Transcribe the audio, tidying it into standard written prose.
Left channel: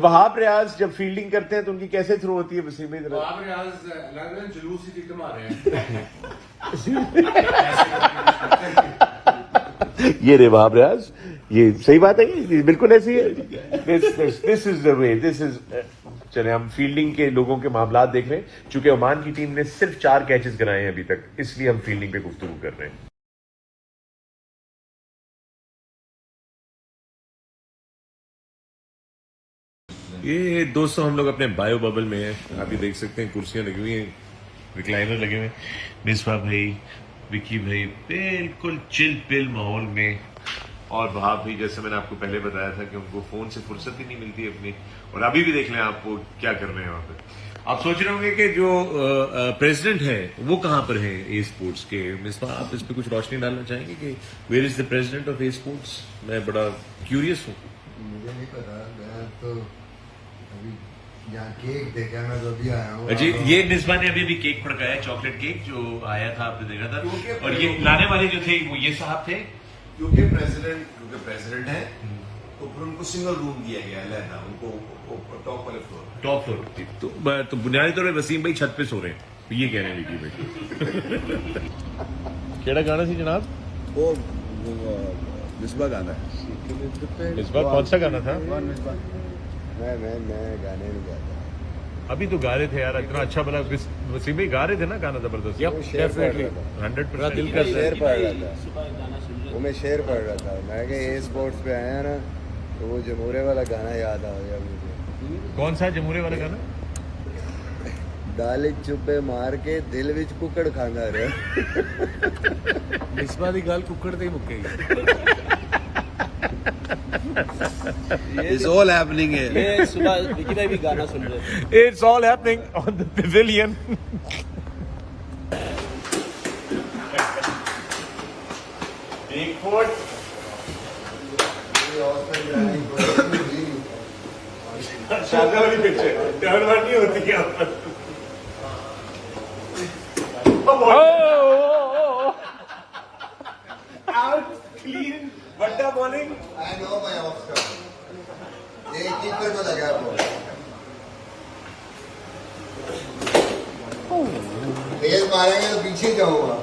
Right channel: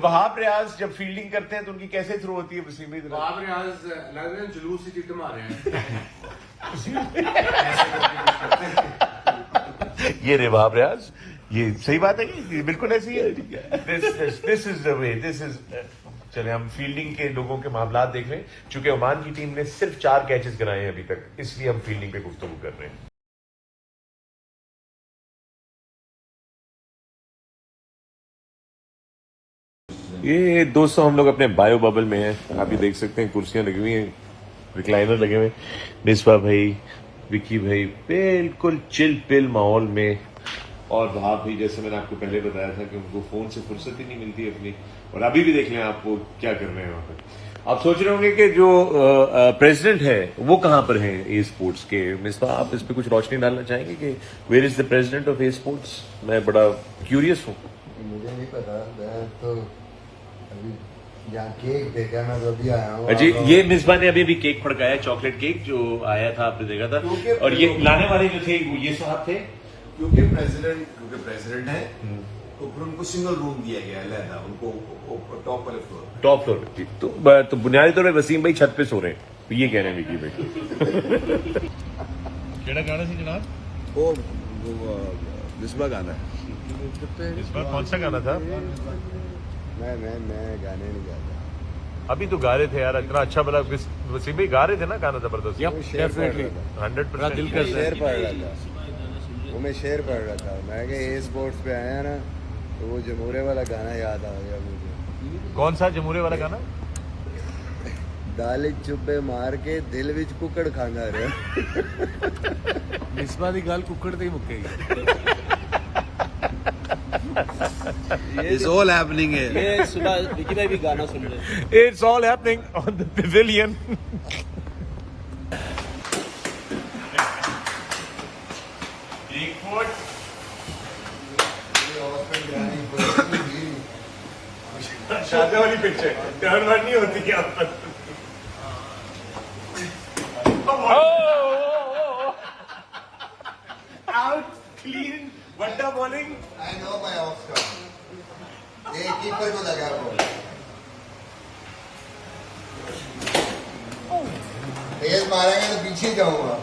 वहाब रियाज जब फील्डिंग करते हैं तो उनकी कैसे थ्रो होती है वसीम भाई? वहाब रियाज लग रहे हैं जुलूस ही कमा रहे हैं। ये रे वहाब रियाज, ये सही बात है, ये बिल्कुल ऐसी है। This is the way, this is. चले हम फील्डिंग के लोगों के मामला देख रहे हैं। चूंकि ओमान की टीम ने सिर्फ 4 कैचेस गिराए हैं अभी तक, इसलिए हम फील्डिंग पे गुफ्तगू कर रहे हैं। ये दोस्तों हम लोग अपने बायो बबल में हैं। आप ये देख सकते हैं कुर्सियां लगी हुई हैं, रिक्लाइनर लगे हुए हैं। मिसबा भाई, विकी भाई बिल्कुल चिल पिल माहौल में। और वहाब भाई, जैसे मैंने आपको पहले बताया था कि उनको फोन से फुर्सत ही नहीं मिलती अपनी, और अभी भी देख लें आपको क्या कर रहे हैं वहां पर। आप सोच रहे होंगे कि जो प्रेसिडेंट है वो कहां पर है ए स्पोर्ट्स के। मिसबा, आप इस पर कुछ रोशनी डालना चाहेंगे कि where is the president of a sports? मैं बड़ा क्यूरियस हूँ। मुझे नहीं पता, मैं तो अभी यहाँ केक देखा, मैं तो अभी आया हूँ। जी, ये मिसबा ने अभी केक फड़काया, चॉकलेट केक जो आया था, आपने देखा था। और ये लाने वाले जो थे वो ये साहब थे, क्योंकि प्रेसिडेंट है तो फिर उनको सिंगल रूम दिया गया है लहदा, उनको टॉप वाले फ्लोर। Top floor. तो बुनियादी तौर पर वसीम भाई छत पे सो रहे हैं, तो ये कह रहे हैं विकी भाई। केड़ा गाना सी जनाब? वो मिसबा गाना है। इस बार कौन सा गाना था? मैं गाने नहीं गाता। अभी तो गा रहे थे यार, इतना अच्छा बना। वसीम भाई गा रहे थे ना गाना जबरदस्त। वो शेर पढ़ रहा था। 100% दिल मैं शेर पढ़ रहा था, वो मैं शेर पढ़ रहा था। मैं क्या ए स्पोर्ट्स पे आया ना, तो वो जमूरे वाला गाना याद आ गया मुझे। कौन सा जमूरे वाला गाना? दाल चुब्बे मार के दिल विच कुकड़ खांदा रहा। मिसबा दी गल कुकड़ ते ही मुक्केगी। It's all happening here. ये सुबह विकी भाई भी गाना सुन रहे थे। It's all happening on the pavilion. एक फुट शादी वाली पिक्चर टर्न वन नहीं होती क्या? आउट क्लीन बट्टा bowling. I know my Oscar. ये कीपर को लगा बॉल। तेज मारेंगे तो पीछे जाऊंगा।